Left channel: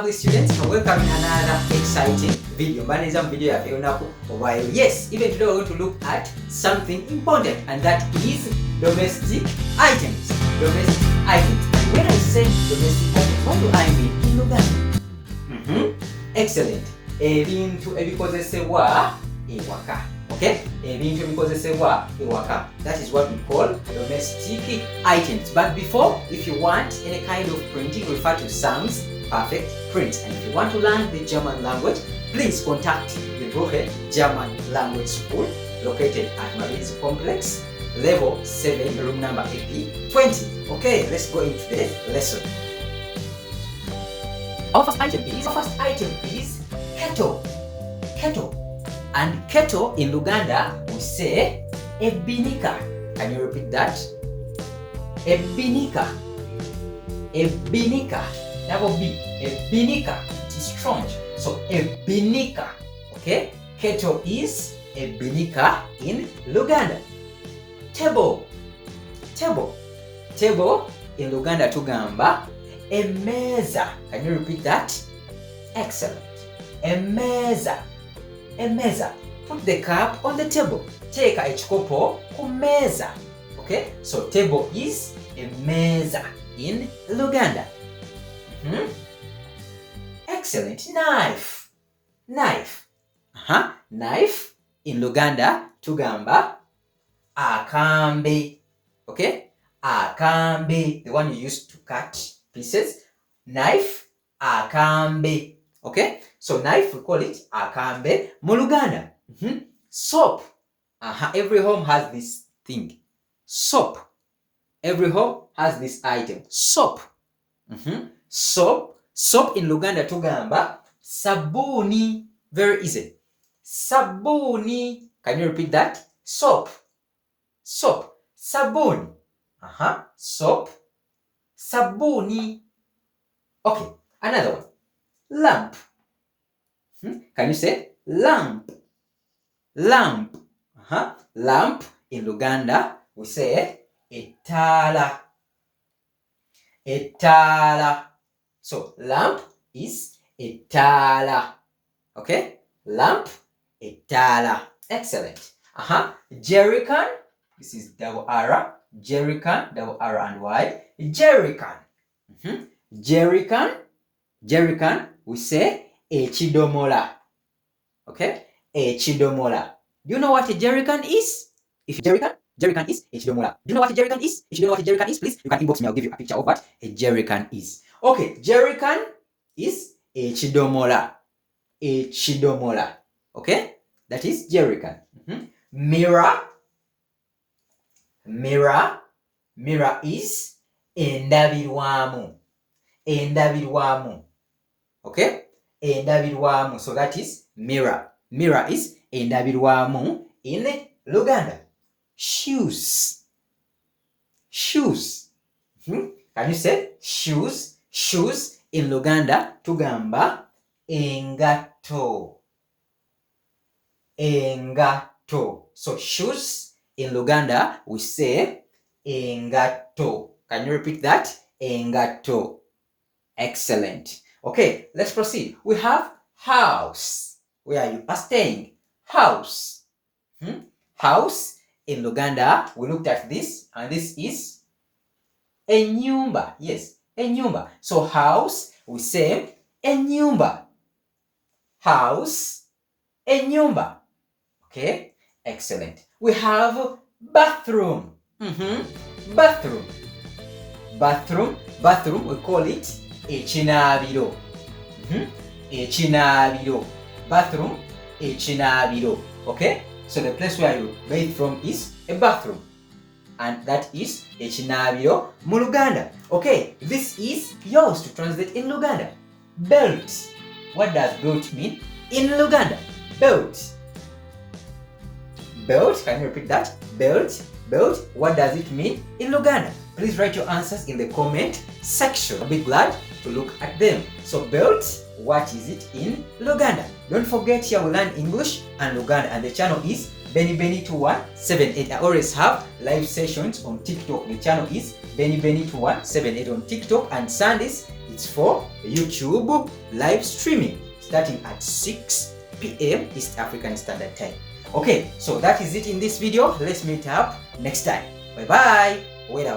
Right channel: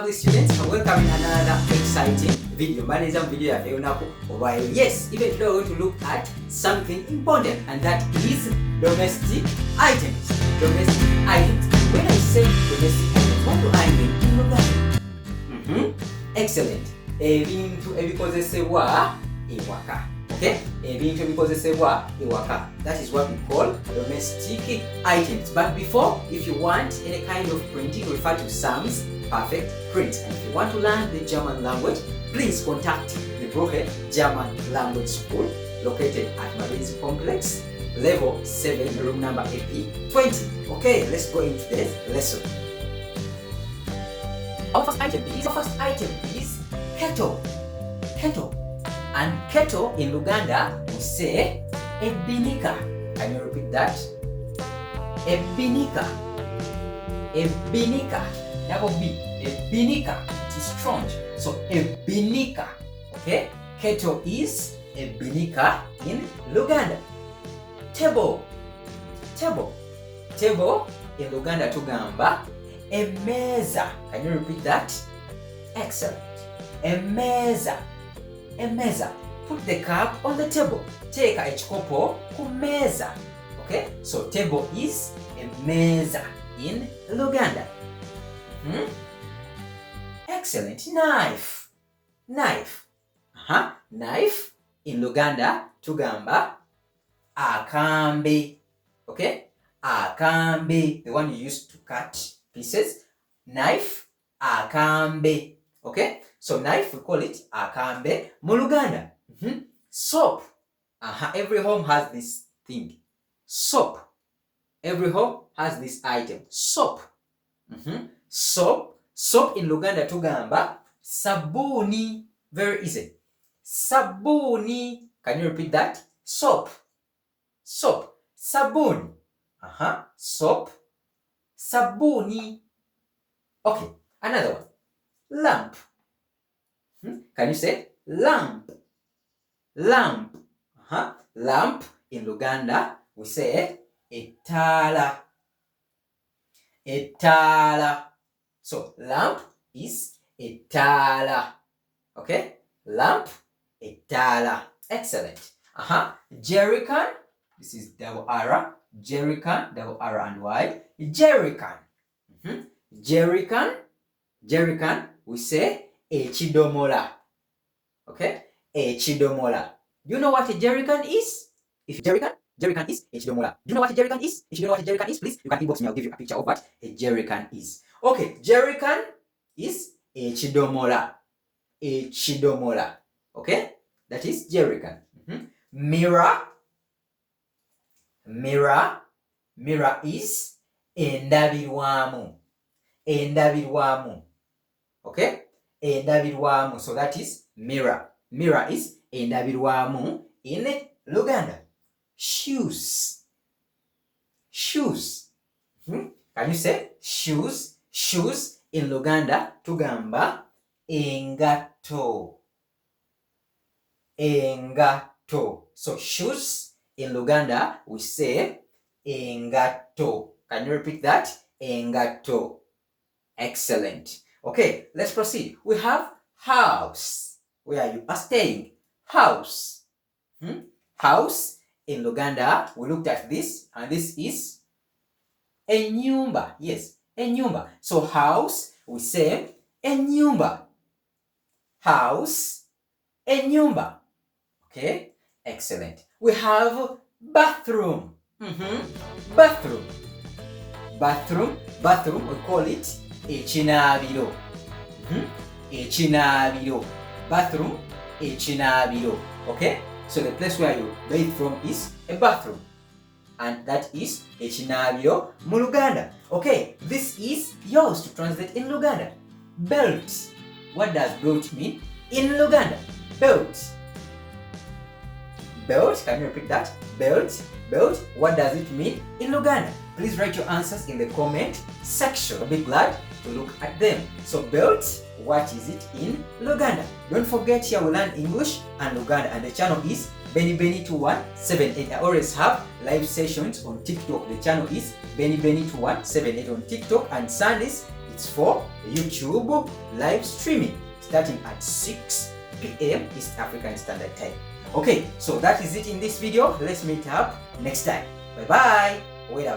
lovely students, and welcome in another exciting video. Yes, even today we're going to look at something important, and that is domestic items. Domestic items. And when I say domestic items, what do I mean in Luganda? Excellent. Ebintu ebikozesebwa ewaka. Okay? Ebintu ebikozesebwa ewaka. That is what we call domestic items. But before, if you want any kind of printing, refer to Sam's Perfect Print. And if you want to learn the German language, please contact the Brohe German Language School located at Marinzi Complex, level 7, room number AP20. Okay, let's go into the lesson. Our first item is kettle. Kettle. And kettle in Luganda, we say ebinika. Can you repeat that? Ebinika. Ebinika. Double B. Ebinika. It is strong. So ebinika. Okay? Kettle is ebinika in Luganda. Table. Table. Table in Luganda tugamba emeza. Can you repeat that? Excellent. Emeza. Emeza. Put the cup on the table. Take a ekikopo ku meza. Okay? So table is emeza in Luganda. Excellent. Knife. Knife. Knife in Luganda tugamba akambe. Okay? Akambe. The one you use to cut pieces. Knife. Akambe. Okay? So knife, we call it akambe mu Luganda. Soap. Every home has this thing. Soap. Every home has this item. Soap. Soap. Soap in Luganda tugamba sabuni. Very easy. Sabuni. Can you repeat that? Soap. Soap. Sabuni. Soap. Sabuni. Okay. Another one. Lamp. Can you say lamp? Lamp. Lamp in Luganda we say etala. Etala. So lamp is etala. Okay? Lamp, etala. Excellent. Jerrycan. This is double R. Jerrycan, double R and Y. Jerrycan. Jerrycan. Jerrycan, we say echidomola. Okay? Echidomola. Do you know what a jerrycan is? If jerrycan is echidomola. Do you know what a jerrycan is? If you don't know what a jerrycan is, please, you can inbox me. I'll give you a picture of what a jerrycan is. Okay, jerrycan is echidomola. Echidomola. Okay? That is jerrycan. Mirror. Mirror. Mirror is endabirwamu. Endabirwamu. Okay? Endabirwamu. So that is mirror. Mirror is endabirwamu in Luganda. Shoes. Shoes. Can you say shoes? Shoes in Luganda tugamba engato. Engato. So shoes in Luganda we say engato. Can you repeat that? Engato. Excellent. Okay, let's proceed. We have house. Where you are staying. House. House in Luganda, we looked at this, and this is enyumba. Yes, enyumba. So house, we say enyumba. House, enyumba. Okay, excellent. We have bathroom. Bathroom. Bathroom. Bathroom, we call it echinabiro. Echinabiro. Bathroom, echinabiro. Okay? So the place where you bathe from is a bathroom. And that is echinabiro mu Luganda. Okay, this is yours to translate in Luganda. Belt. What does belt mean in Luganda? Belt. Belt, can you repeat that? Belt. Belt, what does it mean in Luganda? Please write your answers in the comment section. I'll be glad to look at them. So belt, what is it in Luganda? Don't forget, here we learn English and Luganda, and the channel is Benny2178. I always have live sessions on TikTok. The channel is Benny2178 on TikTok, and Sundays It's for YouTube live streaming starting at 6 p.m. East African Standard Time. Okay, so that is it in this video. Let's meet up next time. Bye bye. Wait a